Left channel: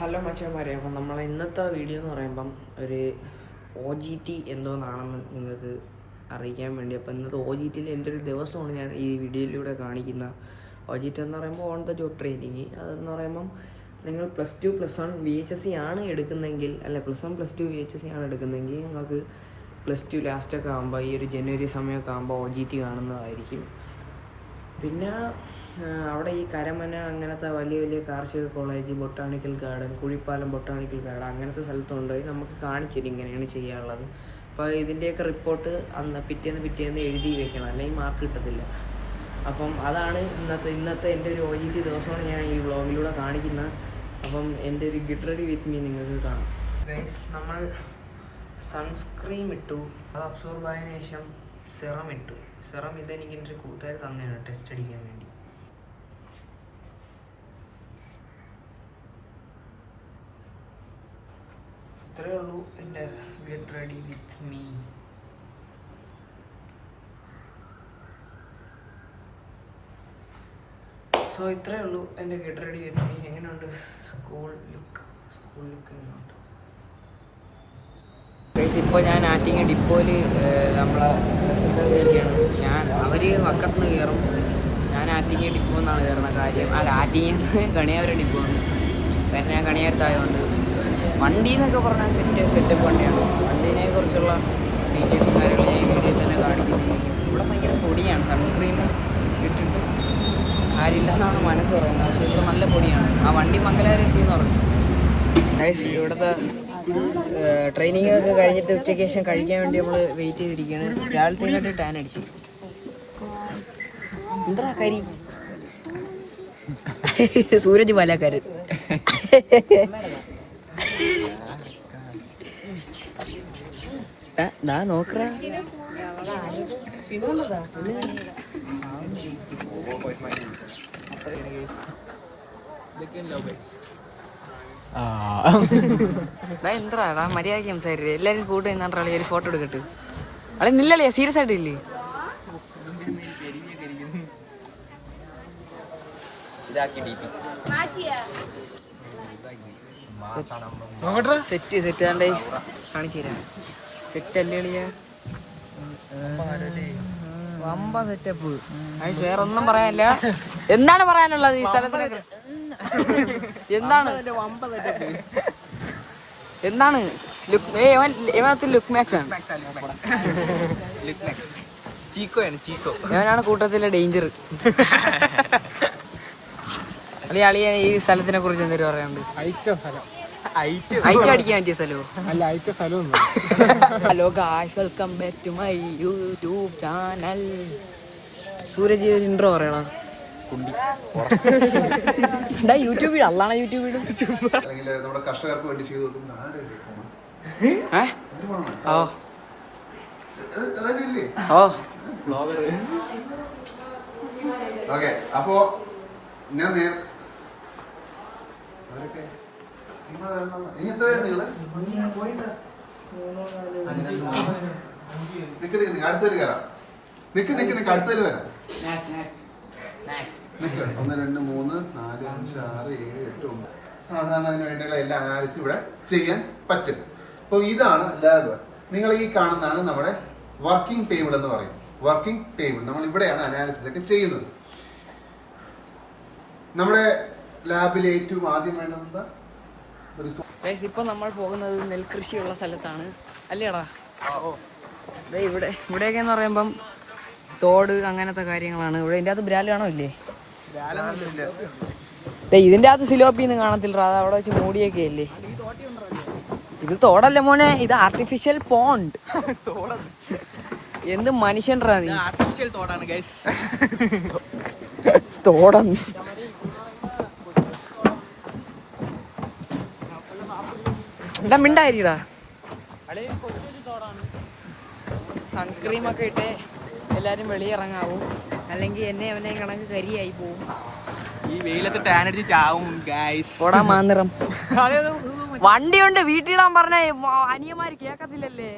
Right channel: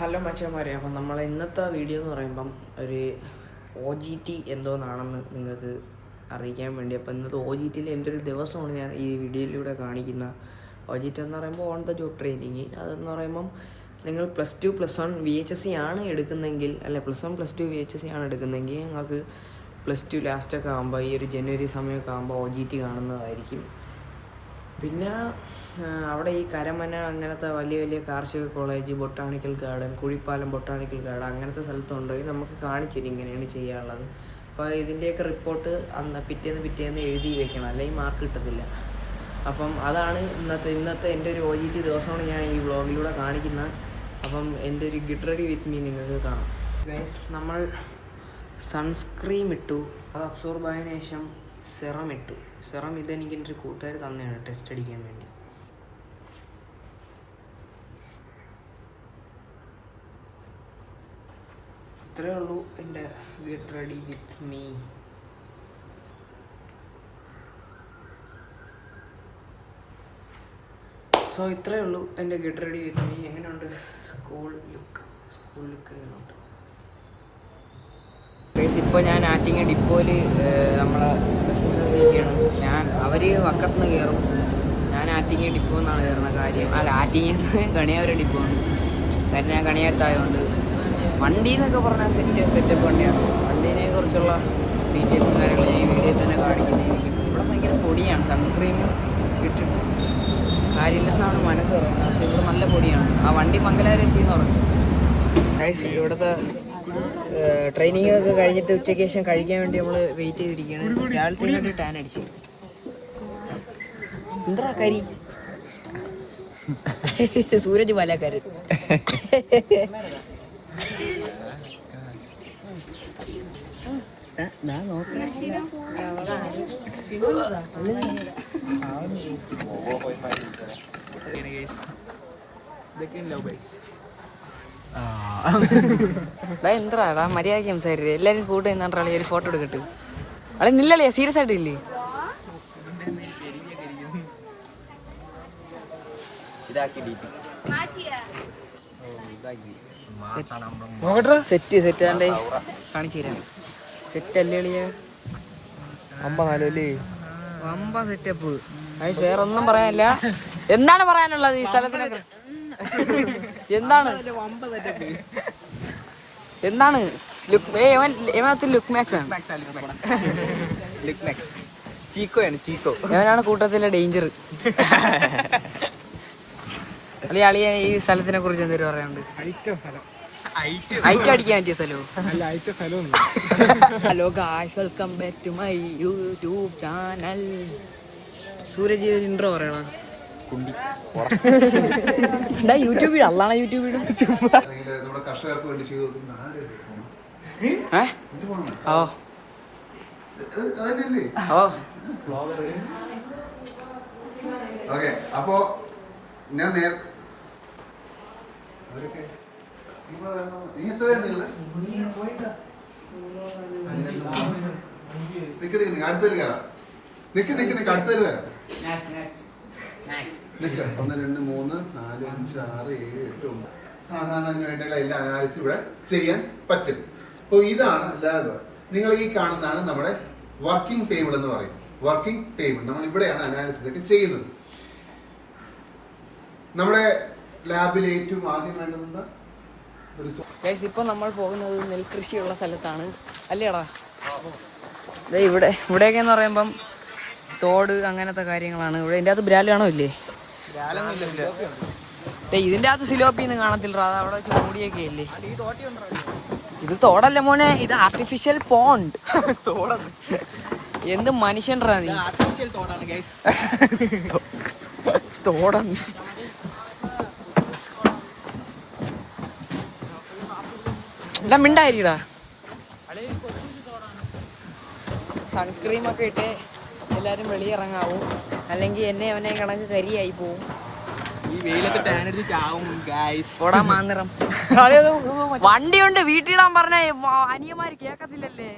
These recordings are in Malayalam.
ഹലോ മച്ചാന്മാരെ, അപ്പം നമ്മളെ ഇന്നത്തെ വീഡിയോ എന്ന് പറയുമ്പം ഒരു OGT എന്തോന്നാണെന്ന് നിങ്ങൾക്ക് അറിയിക്കാൻ വേണ്ടി. അപ്പോൾ ഇന്നത്തെ OGTയിൽ എൻ്റെ ഒരു ദിവസമാണ് ഞാൻ ഈ വീഡിയോയിലൂടെ കാണിക്കുന്ന. OGT എന്ന് പറയുമ്പോൾ ഓൺ ദ ജോബ് ട്രെയിനിങ്. അതെന്ന് പറയുമ്പം നിങ്ങൾ +2 +1 VHSC ആണ് എടുക്കുന്നതെങ്കിൽ, അല്ലെ +1 +2 VHSC ആണ് എടുക്കുന്നതെങ്കിൽ നിങ്ങൾക്ക് +2 ലാസ്റ്റൊക്കെ ആകുമ്പോൾ ഈ ഒരു ജനുവരി സമയമൊക്കെ ആകുമ്പോൾ OGT കാണുന്നതായിരിക്കും. പിന്നെ അവിടെ ഈ കരമന അങ്ങനത്തെ വലിയ വലിയ കാർഷിക college, botanical garden, Kuzhippalam botanical garden അങ്ങനത്തെ സ്ഥലത്ത് കൊണ്ടുപോയി നമുക്ക് കാണിച്ചിട്ട് ഇങ്ങനെയാണ് ചെയ്യാനുള്ളത്. അപ്പോൾ ഇതിൻ്റെയൊക്കെ റിപ്പോർട്ട് പിറ്റേന്ന് എഴുതി വെക്കണം, അല്ലെങ്കിൽ മാർക്ക് കിട്ടത്തില്ല. അപ്പം അതാണ് ഇന്നത്തെ എൻ്റെ ഒരു OGT ദിവസമാണ് ഞാൻ ഈ വ്ളോഗിലൂടെ കാണിക്കുന്നത്. അപ്പം എൻ്റെ ഒരു ഗെറ്റ് റെഡി വിത്ത് മീ നിങ്ങൾക്ക് കാണാം. നമ്മൾ സൺസ്ക്രീം ഇട്ടു, അത് അബ്സോർബ് ആയതിനു ശേഷം സെറം ഇട്ടു. സെറം ഇതെനിക്ക് എൻ്റെ ഒരു കൂട്ടുകാർ തന്നെയാണ് ടെസ്റ്റ് അടിക്കാൻ വേണ്ടി. ഇത്രയേ ഉള്ളൂ എൻ്റെ get ready with me. So ഇത്രയേ ഉള്ളൂ എൻ്റെ ഗെറ്റ് റെഡി വിത്ത് മീ. എങ്ങനെയുണ്ട് സ്കൂൾ ലുക്ക്? എങ്ങനെയുണ്ട്? ഇപ്പോൾ ഞാൻ ആറ്റിങ്ങ ഡിപ്പോയിൽ നമ്മളെ ബസ്സിൽ ഇരിക്കുകയാണ്. അവർ വക്കത്തുനിന്ന് കയറും, ഞാൻ ആറ്റിങ്ങ ഡിപ്പോ എന്നാണ് കയറുന്ന കാര്യം. ആറ്റിങ്ങന്ന് കണിയാവരം ഡിപ്പോ ആണ്. കാരണം ഞാൻ കണിയാരത്തായതുകൊണ്ട് വണ്ടി എന്നൊക്കെ പറഞ്ഞാൽ സെറ്റപ്പ് വണ്ടിയാണ്. വണ്ടീനെ കുറിച്ചുള്ള ഡീറ്റെയിൽസും കാര്യങ്ങൾ ഞാൻ ഈ വീഡിയോയിൽ തന്നെ കാണിക്കുന്നതായിരിക്കും. ഇവിടെ ഭയങ്കര പൊടിയാണ്, സൺസ്ക്രീൻ ഇട്ടിട്ടും കാര്യമില്ലെന്നാണ് മനസ്സ് പറയുന്നത്. പക്ഷേ ഇവിടെ നല്ല പൊടിയാണ്. ആ വണ്ടി മംഗലാപുരം എത്തിയെന്ന് പറഞ്ഞു. ഇവിടുത്തെ ട്രെയിനിങ് ഒക്കെ കഴിഞ്ഞിട്ട് ഉച്ചയ്ക്ക് ശേഷം കഴിക്കാൻ വേണ്ടി നമ്മൾ വെയിറ്റ് ചെയ്തിരിക്കുകയാണ്. രാവിലത്തെ ടാൻ അടിച്ച് എന്താ കരി സൂരജ് പാലക്കാരൻ. നോക്കറ എന്താടാ മര്യാദയ്ക്ക് സംസാരിച്ചത്? എല്ലാരും കൂടെ നിന്നാണ് ഒരു ഫോട്ടോ എടുക്കട്ട്. അല്ലെ നില്ലല്ലേ, സീരിയസ് ആയിട്ട് ഇല്ലേ? സെറ്റ് ആണ്ടേ കാണിച്ചു തരാം. സെറ്റ് അല്ലേ കളിയാ? വമ്പ സെറ്റപ്പ്. വേറെ ഒന്നും പറയാനില്ല. എന്താണ് പറയാനുള്ളത് ഈ സ്ഥലത്തിനെ? എന്താണ് ലുക്ക് മാക്സ് ആണ്. ഇവനാണ് കൂട്ടത്തിലെ ഡേഞ്ചർ. അളിയ ഈ സ്ഥലത്തിനെ കുറിച്ച് എന്തെങ്കിലും പറയാനുണ്ട്? ഐറ്റം അടിക്കാൻ പറ്റിയ സ്ഥലമോ? Hello guys, welcome back to my YouTube channel. Suraj intro പറയണോ? യൂട്യൂബിൽ അള്ളാണ് യൂട്യൂബിലും. ഓക്കെ, അപ്പോ ഞാൻ നേരത്തെ അടുത്തേല് കയറാം. നിക്ക് അടുത്തേല് വരാം. 1 2 3 4 5 6 7 8 9. സാധാരണ അതിന് വേണ്ടിയുള്ള എല്ലാ അനാലിസും ഇവിടെ ചെയ്യാൻ പറ്റും. അപ്പോൾ ഇതാണ് ലാബ്. നിങ്ങൾ ഈ കാണുന്നതാണ് നമ്മുടെ വർക്കിംഗ് ടേബിൾ എന്ന് പറയും. വർക്കിംഗ് ടേബിൾ നമ്മൾ ഇവിടെയാണ് അനാലിസിസ് ഒക്കെ ചെയ്യുന്നത്. നമ്മുടെ ലാബിൽ ഏറ്റവും ആദ്യം വേണ്ടത് ഇപ്പൊ നമ്മൾ പോകുന്നത് നെൽകൃഷിയുള്ള സ്ഥലത്താണ് അല്ലേടാ? ഇവിടെയൊക്കെ എന്ന് പറയുമ്പം തോട് അങ്ങനത്തെ കാര്യങ്ങളാണ്. ഇവിടെ ഇതിൻ്റെ അകത്ത് ബ്രാല് കാണോ? ഇല്ലേ, ഇതിൻ്റെ അകത്ത് സിലോപ്പിന്ന് കാണത്തില്ല. അവിടെ വെച്ച് മൂടിയൊക്കെ ഇല്ലേ? ഇത് തോടല്ല മോനെ, ഇത് ആർട്ടിഫിഷ്യൽ പോണ്ട്. എന്ത് മനുഷ്യൻറാ നീ? തോടന്ന് ഇല്ല, മിണ്ടായിരിക്കടാ. സൺസ്ക്രീമൊക്കെ ഇട്ട് എല്ലാരും വെളിയിറങ്ങാവും, അല്ലെങ്കിൽ അവനെ കണക്ക് കരിയായി പോവും. ഈ വെയിലത്ത് ടാൻ അടിച്ച് ചാവും ഗൈസ്. പോടാ മാന്നിറം. വണ്ടിയുണ്ട്, വീട്ടിലിടാൻ പറഞ്ഞ അനിയന്മാര് കേക്കത്തില്ലല്ലേ?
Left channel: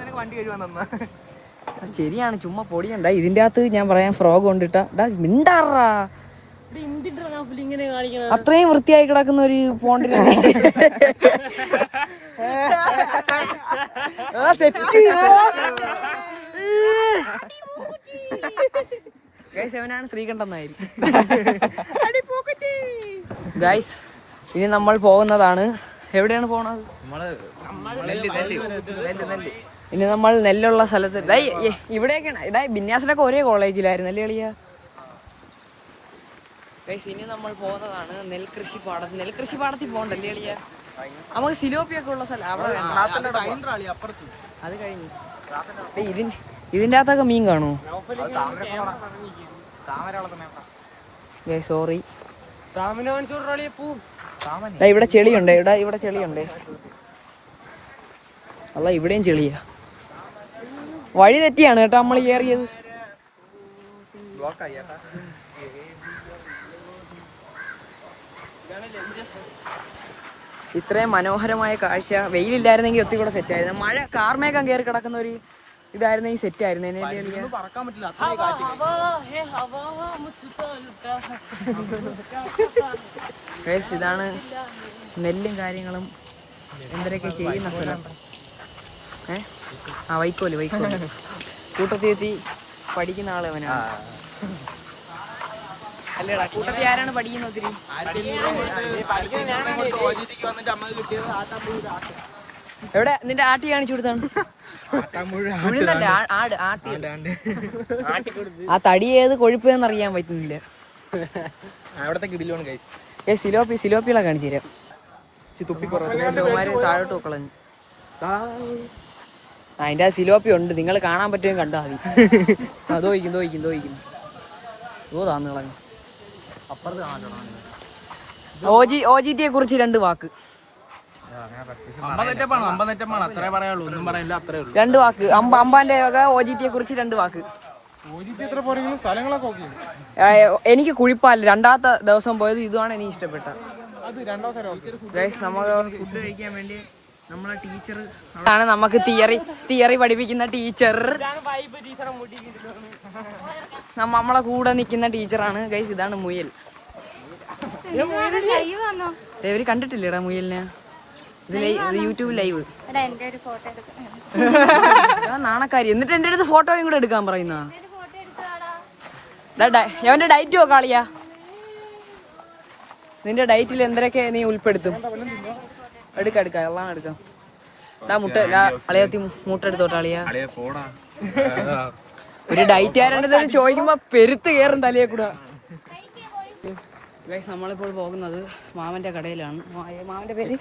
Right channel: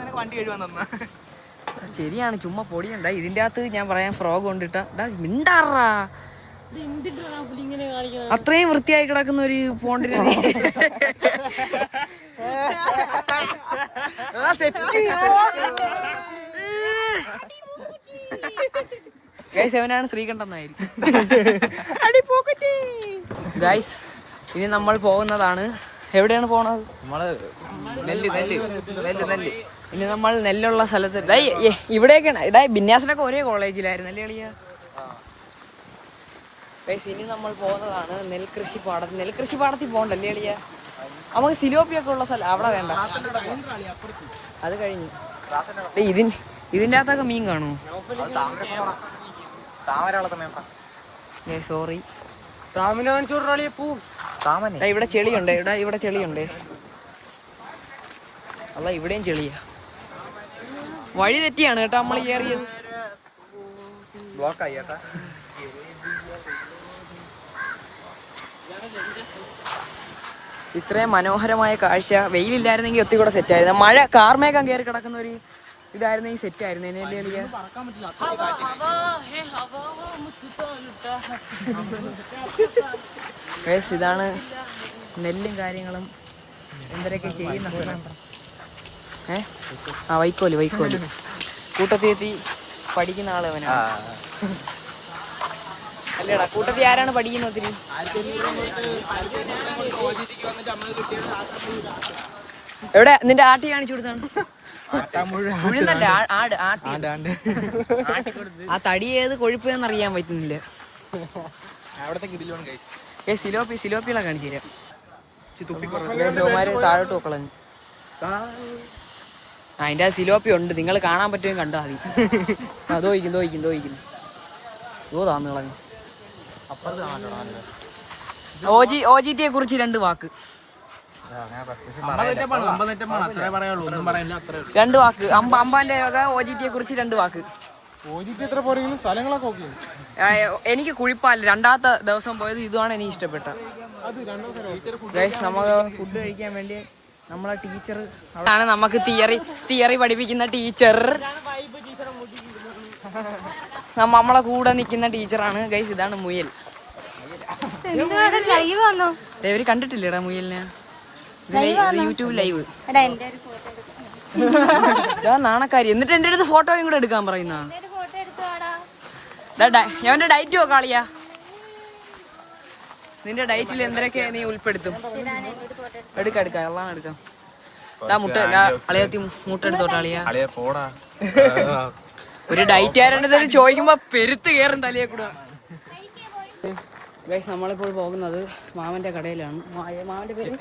നിനക്ക് വണ്ടി കഴിവാൻ തന്ന ശരിയാണ്, ചുമ്മാ പൊടിയുണ്ട. ഇതിൻ്റെ അകത്ത് ഞാൻ പറയാം ഫ്രോഗ് കൊണ്ടിട്ടാ മിണ്ടാറാ. അത്രയും വൃത്തിയായി കിടക്കുന്ന ഒരു പോണ്ടിനെ ഗൈസ് ശ്രീകണ്ഠനായിരിക്കും. ഗൈസ് ഇനി നമ്മൾ പോകുന്നതാണ്. എവിടെയാണ് പോണത്? ഇനി നമ്മൾ നെല്ലുള്ള സ്ഥലത്ത് ഇവിടെയൊക്കെയാണ്. ബിന്യാസിനൊക്കെ ഒരേ കോളേജിലായിരുന്നു അല്ലേ എളിയ? ഇനി നമ്മൾ പോകുന്നതാണ് നെൽകൃഷി പാടത്തിൽ പോകണ്ടല്ലേ എളിയ? നമുക്ക് സിലോപ്പിയൊക്കെ ഉള്ള സ്ഥലം അവിടെ വേണ്ട. അത് കഴിഞ്ഞു. ഇതിൻ്റെ അകത്തൊക്കെ മീൻ കാണുമോ? സോറി, ഇവിടെ ചെളിയുണ്ട്. ഇവിടെ ചെളിയുണ്ട്. അല്ല ഇവിടെയും ചെളിയാ. വഴി തെറ്റിയാണ് കേട്ടോ നമ്മൾ കയറിയത്. ഇത്രയും മനോഹരമായ കാഴ്ച വെയിലില്ലായിരുന്നെങ്കിൽ ഒത്തിരി കൂടെ സെറ്റായിരുന്നു. മഴ കാർമേഘം കയറി കിടക്കുന്ന ഒരു ഇതായിരുന്നെങ്കിൽ സെറ്റായിരുന്നു. ഇതാണ് നെല്ലും കാര്യങ്ങളും എന്തൊക്കെ ചെയ്യുന്ന സ്ഥലം. വൈക്കോല് കൂട്ടത്തിലെത്തി പഠിക്കുന്ന ആള് അവനാണ്. അല്ലേടാ, കൂട്ടത്തിൽ ആരാണ് പഠിക്കുന്നത്? എവിടെ നിന്റെ ആട്ടി കാണിച്ചു കൊടുത്താണ്? ആട് ആട്ടി. ആ തടി ഏത് കൊഴുപ്പെന്ന് അറിയാൻ പറ്റുന്നില്ല. സിലോപ്പികളെ കാണിച്ചു തരാം. ഷോമാര് താഴോട്ട് പോക്കളഞ്ഞു. അതിന്റെ സിലോപ്പി ഉണ്ട്, നിങ്ങൾ കാണാൻ പറ്റുമെങ്കിൽ കണ്ടാൽ മതി. തോയിക്കും താന്ന് കളഞ്ഞു. OGT കുറിച്ച് 2 വാക്ക്. 2 വാക്ക്. അമ്പാന്റെ OGT കുറിച്ച് 2 വാക്ക്. എനിക്ക് കുഴിപ്പാല് 2ാമത്തെ ദിവസം പോയത് ഇതാണ് എനിക്ക് ഇഷ്ടപ്പെട്ട. ഗൈസ് നമുക്ക് ഫുഡ് കഴിക്കാൻ വേണ്ടി നമ്മളെ ടീച്ചർ ആണ് നമുക്ക് തിയറി പഠിപ്പിക്കുന്ന ടീച്ചർ. നമ്മളെ കൂടെ നിൽക്കുന്ന ടീച്ചറാണ്. ഗൈസ് ഇതാണ് മുയൽ. ഇവര് കണ്ടിട്ടില്ലേടാ മുയലിനെ? ഇത് യൂട്യൂബ് ലൈവ്. നാണക്കാരി. എന്നിട്ട് എന്റെ അടുത്ത് ഫോട്ടോയും കൂടെ എടുക്കാൻ പറയുന്ന. അവന്റെ ഡയറ്റ് നോക്കാളിയാ. നിന്റെ ഡയറ്റിൽ എന്തൊക്കെ നീ ഉൾപ്പെടുത്തും? എടുക്കാം എല്ലാം എടുക്കാം. മുട്ട അളിയത്തി മുട്ട എടുത്തോട്ടാളിയാ. ഒരു ഡയറ്റ് ആരണ്ടത് ചോദിക്കുമ്പോ പെരുത്ത് കയറും തലയെ കൂടെ. ഗൈസ് നമ്മളിപ്പോൾ പോകുന്നത് മാമന്റെ കടയിലാണ്. മാമന്റെ പേര്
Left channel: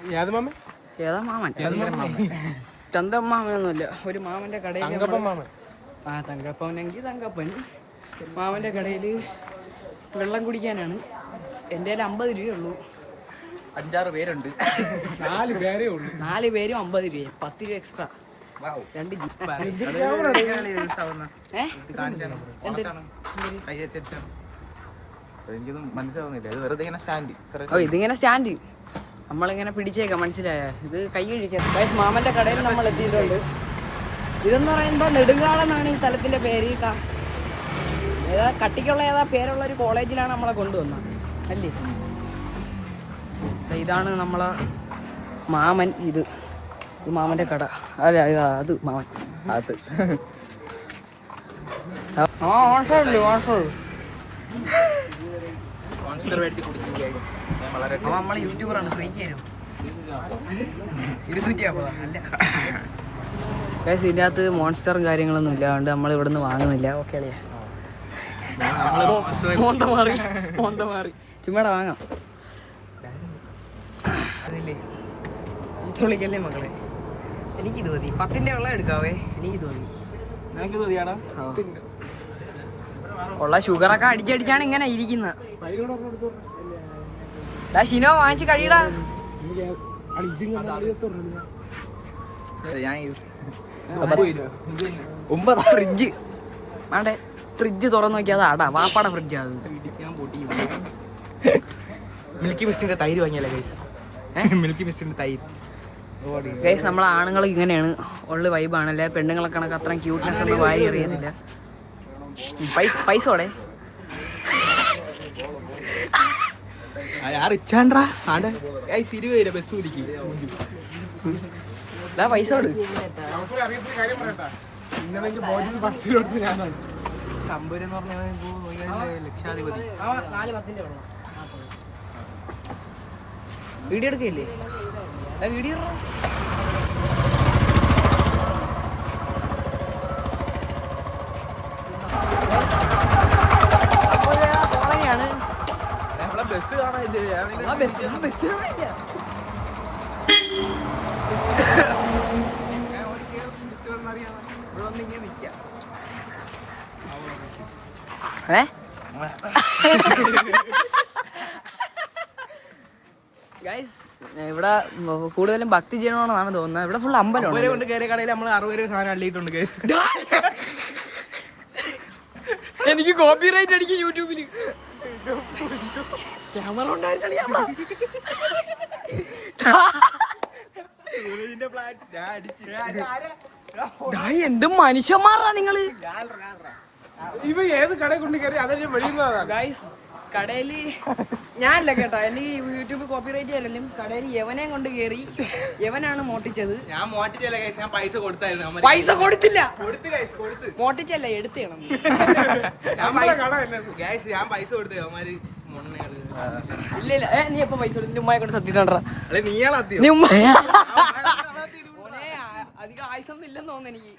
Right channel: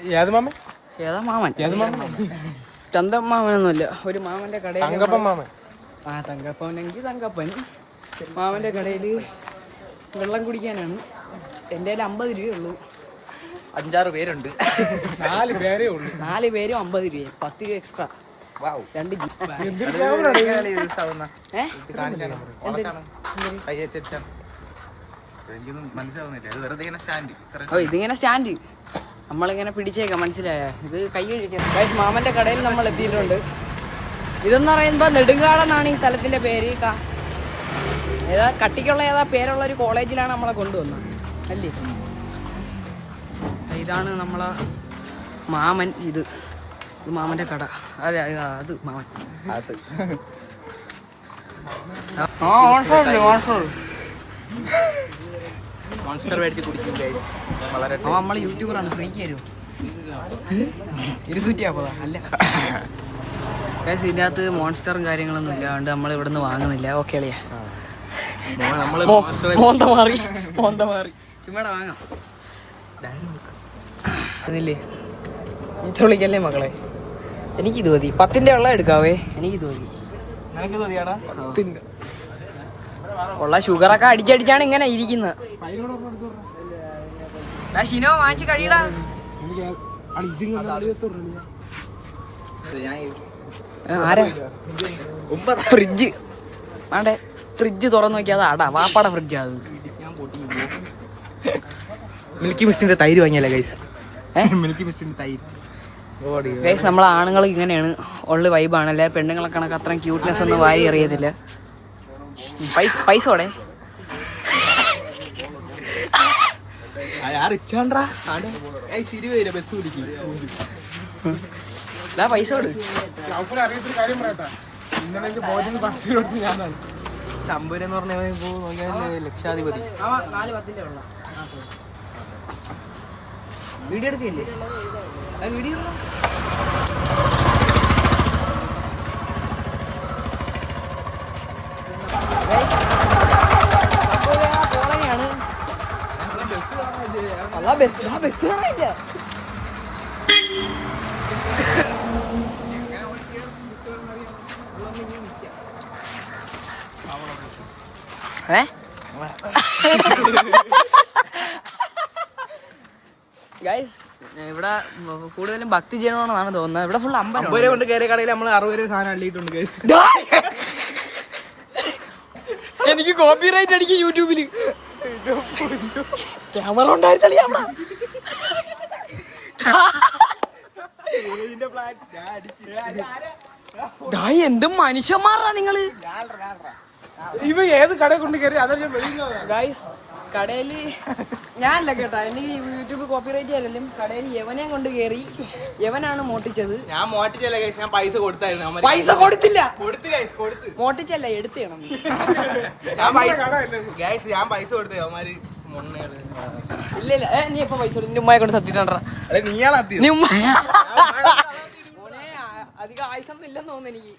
ഏതാ? മാമൻ. ചന്തം മാമനൊന്നുമില്ല, ഒരു മാമന്റെ കടയിൽ. തങ്കപ്പനെങ്കിൽ തങ്കപ്പൻ. മാമന്റെ കടയിൽ വെള്ളം കുടിക്കാനാണ്. എൻ്റെ 50 രൂപയുള്ളൂ. 5-6 പേരുണ്ട്. 4 പേരേ ഉള്ളൂ. 4 പേരും 50 രൂപ. 10 രൂപ എക്സ്ട്രാ. 2 ഇതിങ്ങനെ സ്റ്റാൻഡ് നമ്മളിങ്ങനെ പിടിച്ചേക്കാം. മനസ്സിലായ? ഇത് കൈ കഴിക്കാം. മാമന്റെ കടയിൽ നമ്മൾ എത്തിയിട്ടുണ്ട്. ഇതെന്ന് പറയുമ്പോ നെടുങ്കാടെന്നാണ് ഈ സ്ഥലത്തിന്റെ പേര്. ഏതാ കട്ടിക്കുള്ള പേരുള്ള ഒരു കോളേജിലാണ് നമ്മളെ കൊണ്ടുവന്നത് അല്ലേ? ഇതാണ് നമ്മളെ മാമൻ. ഇത് മാമന്റെ കട. അല്ല അത് മാമൻ. നമ്മള് യൂട്യൂബറാണ്. ഫ്രീക്ക് തരും 250. അല്ല ഗൈസ്, ഇതിൻ്റെ അകത്ത് മോൺസ്റ്ററും കാര്യങ്ങളൊന്നും ഇല്ല. അതുകൊണ്ട് നമ്മൾ ഇവിടെ നിന്ന് വാങ്ങുന്നില്ല. ഓക്കെ അളിയാ, മോന്ത മാറി ചുമ്മാടെ വാങ്ങാം. ഇതില്ലേ ചീത്ത വിളിക്കല്ലേ മക്കളെ. എനിക്കിത് മതി. 10ന്റെ വെള്ളം എടുക്കാവേ. എനിക്കിത് മതി. ഉള്ള ഷുഗറൊക്കെ അടിച്ചടിച്ചാണ് ഇങ്ങനെ ഇരിക്കുന്നത്. ഷിനോ വാങ്ങിച്ച് കഴിയടാ. ഫ്രിഡ്ജ് വേണ്ടേ? ഫ്രിഡ്ജ് തുറന്നു നോക്കിയാൽ അടാ വാപ്പാടെ ഫ്രിഡ്ജ്. അത് മിൽക്കി മിസ്റ്റിന്റെ തൈര് വാങ്ങിയല്ലേ ഗൈസ്? മിൽക്കി മിസ്റ്റിന്റെ തൈര്. ഗൈസ് നമ്മളെ ആണുങ്ങൾ ഇങ്ങനെയാണ്. ഉള്ള വൈബാണല്ലേ. പെണ്ണുങ്ങളെ കണക്ക് അത്രയും ക്യൂട്ട്നെസ് ഒന്നും വാരി അറിയത്തില്ല. പൈസോടെ പൈസ കൊടു. തമ്പൂരെന്ന് പറഞ്ഞാൽ ലക്ഷാധിപതി. 4-10 വെള്ളം. വീഡിയോ എടുക്കില്ലേ? വീഡിയോ കോളനിയാണ്. ബസ് കാണാനില്ല. ഗൈസ് ഇവിടെ കൂടുതലും ഭക്തി ജനമാണെന്നാണ് തോന്നുന്നത്. ഇവിടെ ഫുൾ അമ്പലം കൊണ്ട് കയറിയ കടയിൽ നമ്മൾ 60 സാധനം അള്ളിയിട്ടുണ്ട്. എനിക്ക് കോപ്പിറൈറ്റ് അടിക്കും യൂട്യൂബില്. ക്യാമറ ഉണ്ടായിരുന്നല്ലോ. എന്തും മനുഷ്യന്മാരാ നിങ്ങള്. ഇവ ഏത് കട കൊണ്ട് കയറി അതാ ഞാൻ വഴിയുന്നതാ. ഗൈസ് കടയില് ഞാനല്ല കേട്ടാ, എനിക്ക് യൂട്യൂബ് കോപ്പിറൈറ്റ് ചെയ്യലും. കടയിൽ യവനെ കൊണ്ട് കയറി, യവനാണ് മോട്ടിച്ചത്. ഞാൻ മോട്ടിച്ചല്ല ഗൈസ്, ഞാൻ പൈസ കൊടുത്തായിരുന്നു. പൈസ കൊടുത്തില്ല, കൊടുത്ത് മോട്ടിച്ചല്ല എടുത്തേണം. ഗൈസ് ഞാൻ പൈസ കൊടുത്തു. അവന്മാര് ഇല്ല ഇല്ല, നീ എപ്പോ പൈസ കൊടുത്തു? ഉമ്മയെ കൊണ്ട് സത്യണ്ടാ. നീയാണ് മോനെ അധികം ആയുസൊന്നും ഇല്ലെന്ന് തോന്നുന്നു എനിക്ക്.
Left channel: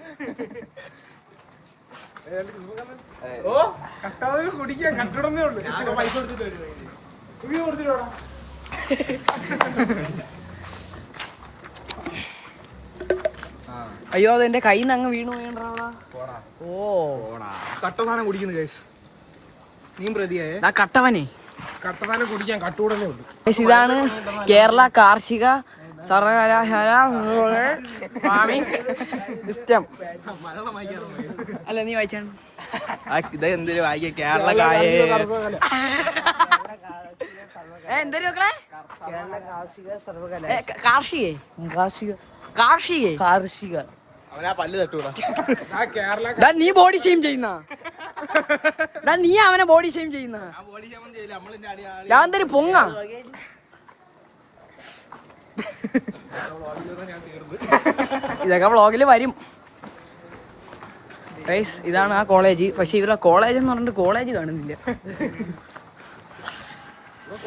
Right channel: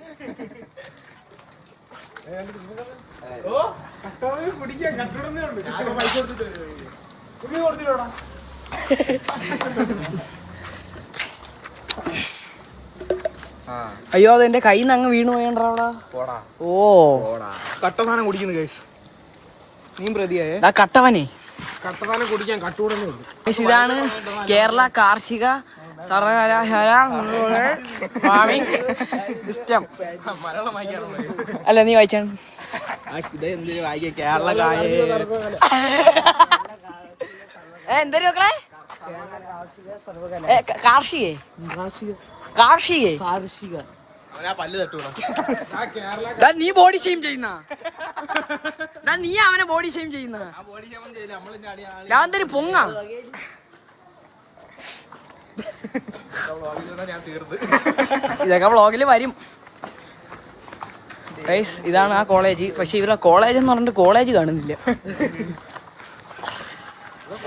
ഓ കട്ടാതെ കുടിക്കാൻ കട്ടിടന്നേ ഉള്ളു. പൈസ കൊടുത്തിട്ടോടാ. അയ്യോ അതെന്റെ കയ്യിൽ നിന്ന് അങ്ങ് വീണ് പോയണ്ടാ അവിടെ. ഓ കട്ടസാനം കുടിക്കുന്നു കേസ്. നീ പ്രതിയായേ കട്ടവനെ. കട്ടസാനം കുടിക്കാൻ കട്ടുകൂടന്നേ ഉള്ളു. ഇതാണ് കേരള കാർഷിക സർവകലാശാല ഫാമിംഗ് സിസ്റ്റം. മലയാളം വായിക്കാറുണ്ട്. അല്ല നീ വായിച്ചാണ്. ഇതെന്തൊരു വായിക്ക കേരള കായ എന്തൊരു മക്കളെ? കേരള കാർഷിക സർവകലാശാല. കാർഷിക കാർഷിക കാർഷിക. പല്ല് തട്ടൂടാ. നീ ബോഡി ഷെയിം ചെയ്യുന്ന, നീ അവനെ ബോഡി ഷെയിം ചെയ്യുന്ന. ഞാൻ എന്തൊരു പൊങ്ങ. ഇതൊക്കെ വ്ളോഗില് വരും. ഗൈസ് ഇതാണ് ആ കോളേജ്. പക്ഷെ ഇവരുടെ കോളേജ് എന്ന് പറഞ്ഞിട്ട് കോളേജ് കാണുന്നില്ല.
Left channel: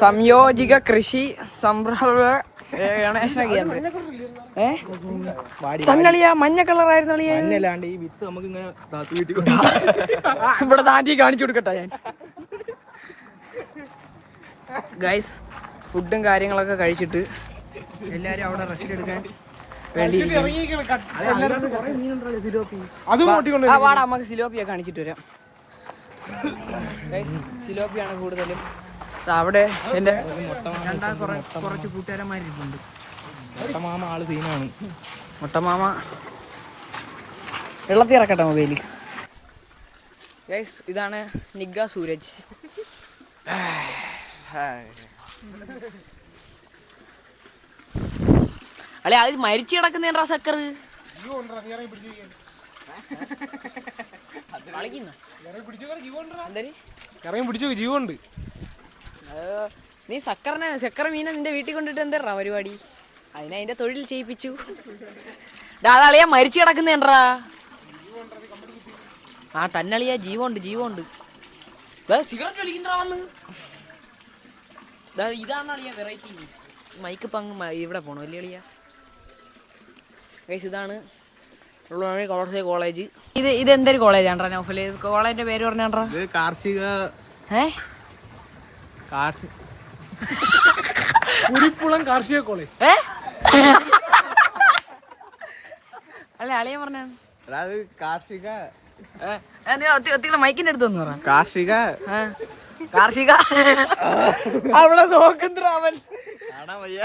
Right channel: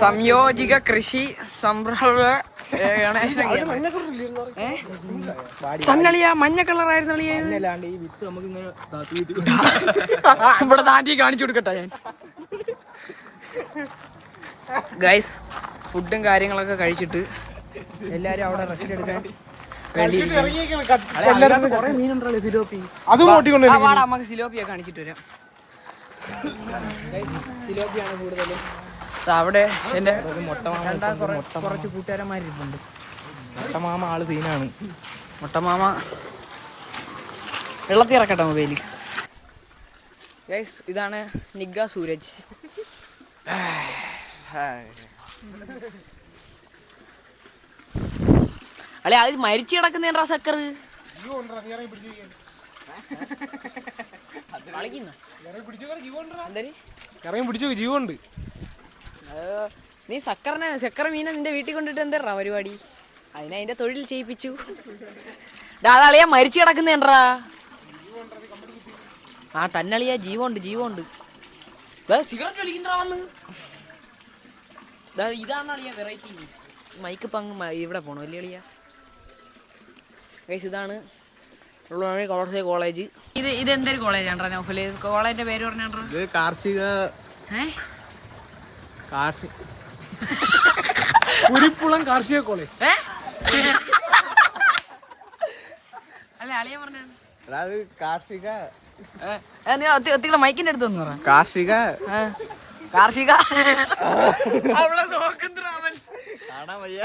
സംയോജിക കൃഷി സംരംഭ ഗണേശന കേന്ദ്രം. തന്നളിയാ മഞ്ഞ കളറായിരുന്നു. ഇവിടെ താണ്ടി കാണിച്ചു കൊടുക്കട്ടെ ഞാൻ. ഗൈസ് ഫുഡും കാര്യങ്ങളൊക്കെ കഴിച്ചിട്ട് എല്ലാരും അവിടെ റെസ്റ്റ് എടുക്കാൻ വാടാ, നമുക്ക് സിലോപ്പിയ കാണിച്ചിട്ട് വരാം. സിലോപ്പിയാണ് കൂടുതലും. അവിടെ എന്റെ കുറച്ച് കൂട്ടുകാരന്മാരിട്ടുണ്ട്. മുട്ടമാമ ആള് സീനാണ്. മുട്ടമാമ വെള്ളത്തിൽ ഇറക്കട്ടെ മൊബൈല്. ഗൈസ് ഇതാണ് നിഗ്ഗ സൂരജ്. അല്ലെ അത് മരിച്ചു കിടക്കുന്ന സക്കർ പിടിച്ചു ജീവണ്ട്. നീ സക്കർ മീനെ നിന്റെ വീട്ടിൽ കൊണ്ടിട്ട് എന്താ പരിപാടി? അതിന്റെ തൊഴിൽ ചെയ്യിപ്പിച്ചു. അളിയാ മരിച്ചു കിടക്കുന്നേണ്ടാ. ആ തന്നളിയാ ജീവമുണ്ട് സിഗരറ്റ് വലിക്കുന്നതാ വന്ന്. ഇതാണ് അളിയാ വെറൈറ്റി. മൈക്ക് ഇപ്പം ഇവിടെ പോണോ വലിയ അളിയാ. ഗൈസ് ഇതാണ് കോളേജ്. ഇത് എന്തൊരു കോളേജാണ്ടാ നൗഫല്? കോളേജിന്റെ പേര് പറഞ്ഞാണ്ടാ. കാർഷിക കുരിപ്പുളം കാർഷിക കോളേജ്. അല്ല അളിയ പറഞ്ഞാണ് കാർഷിക. ഒത്തിരി മൈക്കിന്റെ അടുത്തൊന്നു പറ. കാർഷിക അവിടെ നോക്കുന്നവൻ കാണാൻ വയ്യ.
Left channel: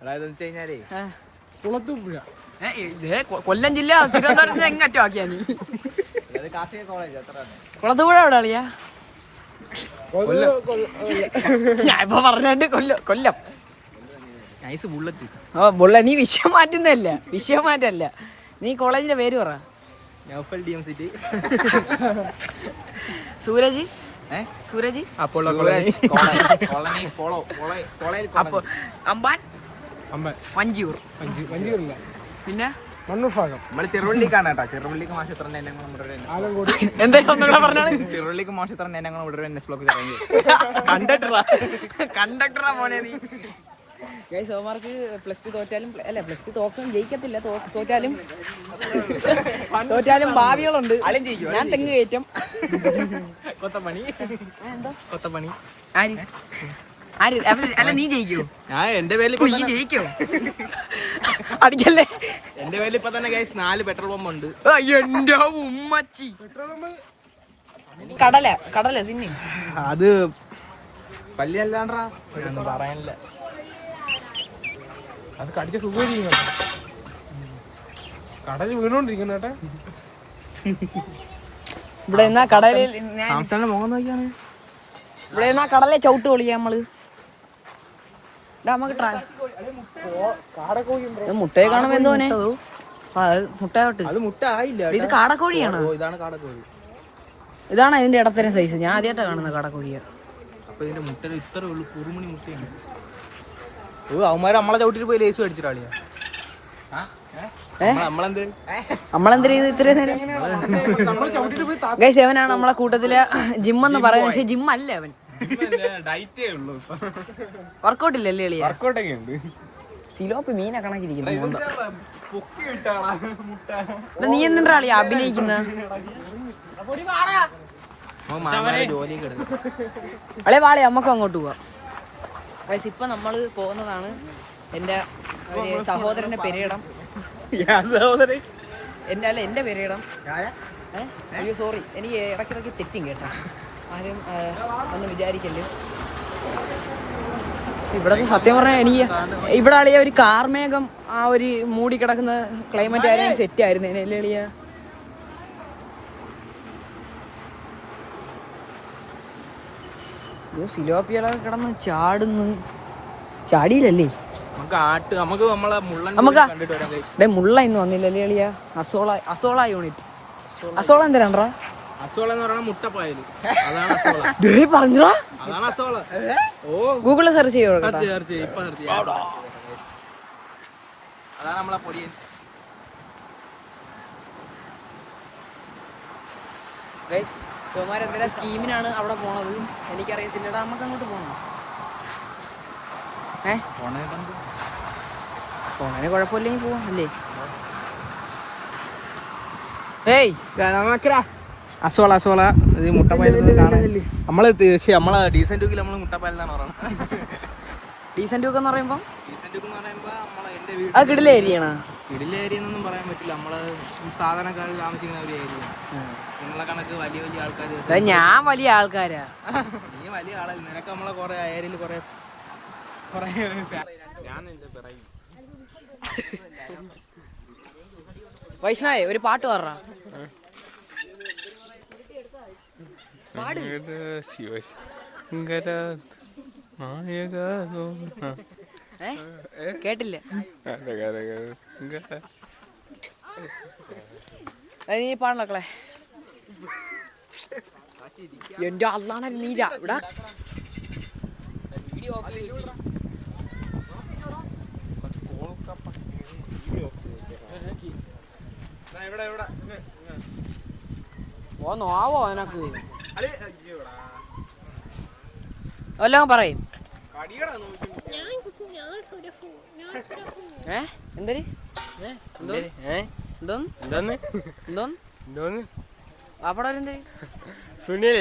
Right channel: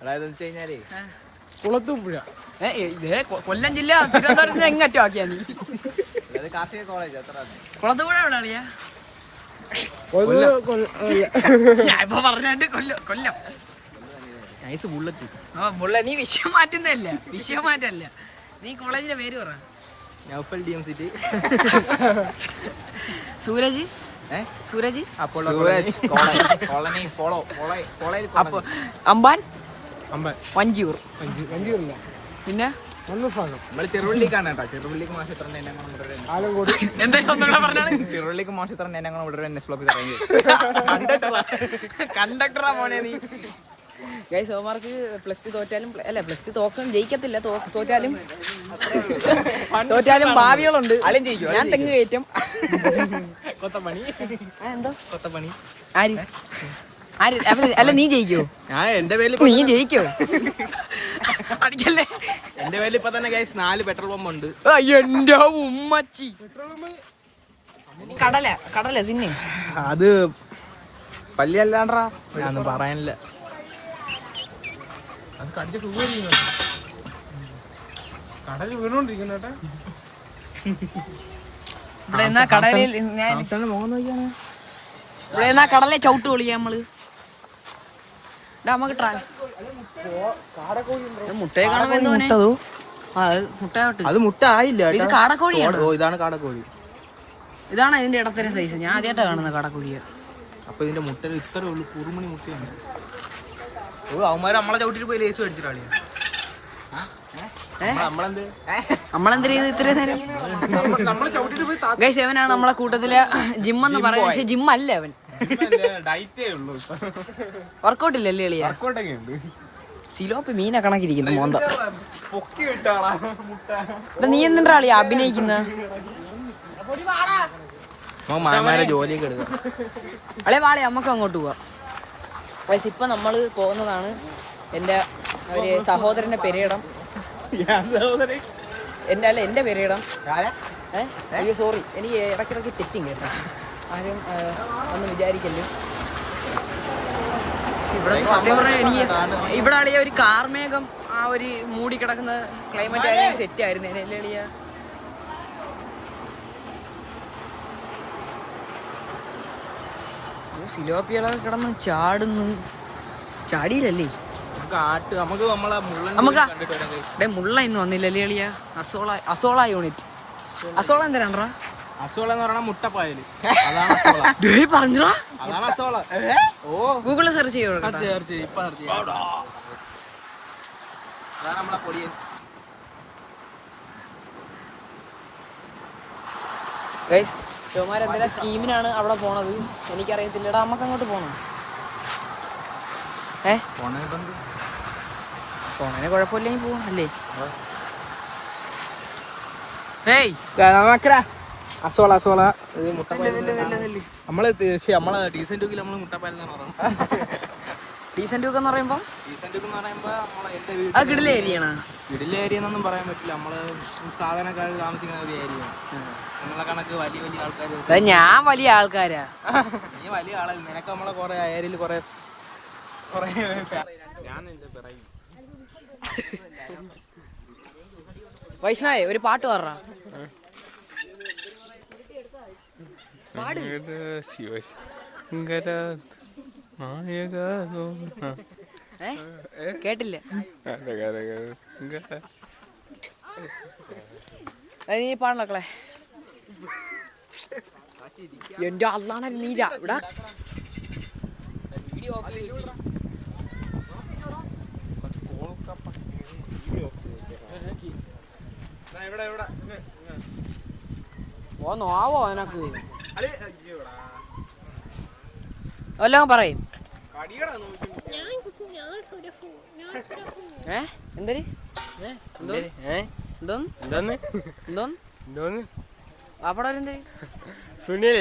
അതായത് കഴിഞ്ഞാലേ കുളത്തൂപ്പുഴ. കൊല്ലം ജില്ല തിരുവനന്തപുരത്തിന് എങ്ങറ്റം ആക്കിയാ നീ? കാർഷിക കോളേജ് അത്ര. കുളത്തൂപ്പുഴ എവിടെ അളിയാ? ഞാൻ ഇപ്പൊ പറഞ്ഞിട്ട് കൊല്ലം. Nice bullet. ബുള്ളറ്റ്. നീ വിഷയം മാറ്റല്ല. നീ കോളേജിന്റെ പേര് പറ. നൗഫൽ DMCT. സൂരജ് സൂരജ് സൂരജ് കോളനി അപ്പൊ അമ്പാൻ അമ്പൻ വഞ്ചിയൂർ വഞ്ചിയൂരില്ല പിന്നെ മണ്ണൂർ ഭാഗം ചെറുപള്ളിക്കാണ് കേട്ടോ. ചെറുപള്ളിക്ക് മാഷത്രന്റെ ആലങ്കോട് എന്തായാലും ഒന്നുകൂടെ പറഞ്ഞാണ് ചെറുപള്ളിക്ക് മാഷത്രന്റെ എന്നെ ഇവിടെ എന്നെ ബ്ലോക്കിൽ ഇറങ്ങി. കണ്ടക്ടറാ മോനെ നീ. ഗൈസ് സോമാർക്ക് പ്ലസ് ടു തോറ്റാലും അല്ല പ്ലസ് ടു തോക്കും ജയിക്കത്തില്ല. തോറ്റാലും ഭാവികളുണ്ട്. ഞാൻ തെങ്ങ് കയറ്റം. കൊത്തപ്പണി ആര് ആര് അല്ല നീ ജയിക്കോ? ഞാൻ എന്റെ പേരിൽ നീ ജയിക്കോ? അതിക്കല്ലേ എന്റെ പേരിൽ ഇപ്പൊ തന്നെ ഗൈസ് 4 പെട്രോൾ പമ്പ് ഉണ്ട്. എന്റെ ഉമ്മച്ചി. കടല തിന്നെ. അത് പല്ലി അല്ലാണ്ടാ ഞാനൊന്നും പറയാനില്ല. അത് കടിച്ച സുഖമില്ല. കടല് വീണോണ്ടിരിക്കുന്നു കേട്ടോ. ഇവിടെ എന്നാ കടലിൽ ഞാൻ മുഖം നോക്കിയാണ്. ഇവിടെ എന്നാ കടലെ ചവിട്ട് പൊളിയാ നമ്മള്. നമുക്ക് മുട്ടയെ കാണുമ്പോ എന്തോനെ മുട്ടയോട്ട് അത് മുട്ട ആയില്ല. ഇത് കാടക്കോഴിയാണ്. ഇതാണ് കാടക്കോഴി. ഇതാണ് അതിന്റെ ഇടത്തരം സൈസ്. ഞാൻ ആദ്യമായിട്ടാ കാണുന്നത് കാടക്കോഴിയ. അപ്പൊ ഇതിന്റെ മുട്ട ഇത്രേ ഉള്ളു. കുറുമണി മുട്ടയാണ്. അവന്മാര് നമ്മളെ ചവിട്ടിട്ട് പോയി ലേസ് മേടിച്ചിട്ടാളിയാ. നമ്മളെന്താ ചെയ്ത് ഇത്രയും നേരം? ഗൈസ് അവനാണ് നമ്മളെ കൂട്ടത്തിലെ ജിമ്മെന്ന് പറയുന്നത്. പക്ഷെ ജിം അല്ല അവൻ. ഡയറ്റേ ഉള്ളൂ. വർക്കൗട്ട് ഇല്ലല്ലേ എളിയ? വർക്കൗട്ടൊക്കെ ഉണ്ട്. സിലോപ്പി മീനെ കണക്കിരിക്കുന്നു മോന്ത. പൊക്കി വിട്ടാളാ മുട്ട. നീ എന്തിനാ അളിയ അഭിനയിക്കുന്ന? ജോലിയൊക്കെ അളെ വാളെ നമുക്ക് അങ്ങോട്ട് പോവാം. ഗൈസ് ഇപ്പൊ നമ്മള് പോകുന്നതാണ് എന്റെ ഒരു സഹോദരന്റെ പെരയിടം. എന്റെ പെരയിടം. അയ്യോ സോറി, എനിക്ക് ഇടയ്ക്കിടയ്ക്ക് തെറ്റും കേട്ടോ. ആരും ഒന്നും വിചാരിക്കല്ലേ. ഇവിടെ സത്യം പറഞ്ഞാൽ എനിക്ക് ഇവിടെ അളിയ ഒരു കാർമേഘം ആ ഒരു മൂടി കിടക്കുന്ന ക്ലൈമറ്റ് സെറ്റ് ആയിരുന്നു. ഇതിനല്ലേ അളിയ? സിലോപ്പികളൊക്കെ കിടന്ന് ചാടുന്നു. ചാടിയില്ലല്ലേ? നമുക്ക് മുള്ള ഇന്ന് വന്നില്ലല്ലേ അളിയ? Azolla unit. അസോള എന്തിനാണ്ടാ? അസോള എന്ന് പറഞ്ഞാൽ മുട്ടപ്പായല്. അതാണ് അസോള. പറഞ്ഞോ? അതാണ് അസോള. ഓ ഗൂഗിളിൽ സെർച്ച് ചെയ്യോ? ഇപ്പൊ നിർത്തി. അതാണ് നമ്മളെ പൊടിയൻ. എന്തെങ്കിലും സ്കീമിനാണ് അവിടെ പോണത്. എനിക്കറിയത്തില്ലടാ. നമുക്ക് അങ്ങോട്ട് പോണം. പോണേന് കുഴപ്പമില്ലെങ്കിൽ പോവാ അല്ലേ? ഏയ് അസോള നമ്മളെ ഡീസന്റ് ടൂക്കിൽ നമ്മള് മുട്ടപ്പായലെന്നാണ് പറയുന്നത്. ഡീസന്റ് ഒക്കെ എന്ന് പറയുമ്പോ ഡീസന്റ് ടൂക്ക് എന്ന് പറയുമ്പോ എന്റെ അത് കിടില ഏരിയയാണ്. കിടില ഏരിയ എന്നൊന്നും പറയാൻ പറ്റില്ല. നമ്മള് സാധാരണക്കാർ താമസിക്കുന്ന ഒരു ഏരിയ. നിങ്ങളെ കണക്ക് വലിയ വലിയ ആൾക്കാർ. ഞാൻ വലിയ ആൾക്കാരാ. നീ വലിയ ആളല്ല. നിനക്ക് നമ്മളെ കൊറേ ഏരിയയിൽ കൊറേ ഞാൻ പറയും. വൈഷ്ണവേ ഒരു പാട്ട് പാടാ. കേട്ടില്ല. നീ പാടണക്കളെ. എന്റെ അള്ളാണ് നീരാ ഇവിടെ. ഓന്നോ എനക്ക് വല്ലതും പറയും. എന്തര് എന്തോന്ന് പാപ്പട എന്തര് സുനിൽ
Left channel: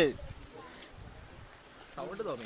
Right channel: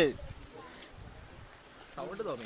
സൗണ്ട് തോന്നി.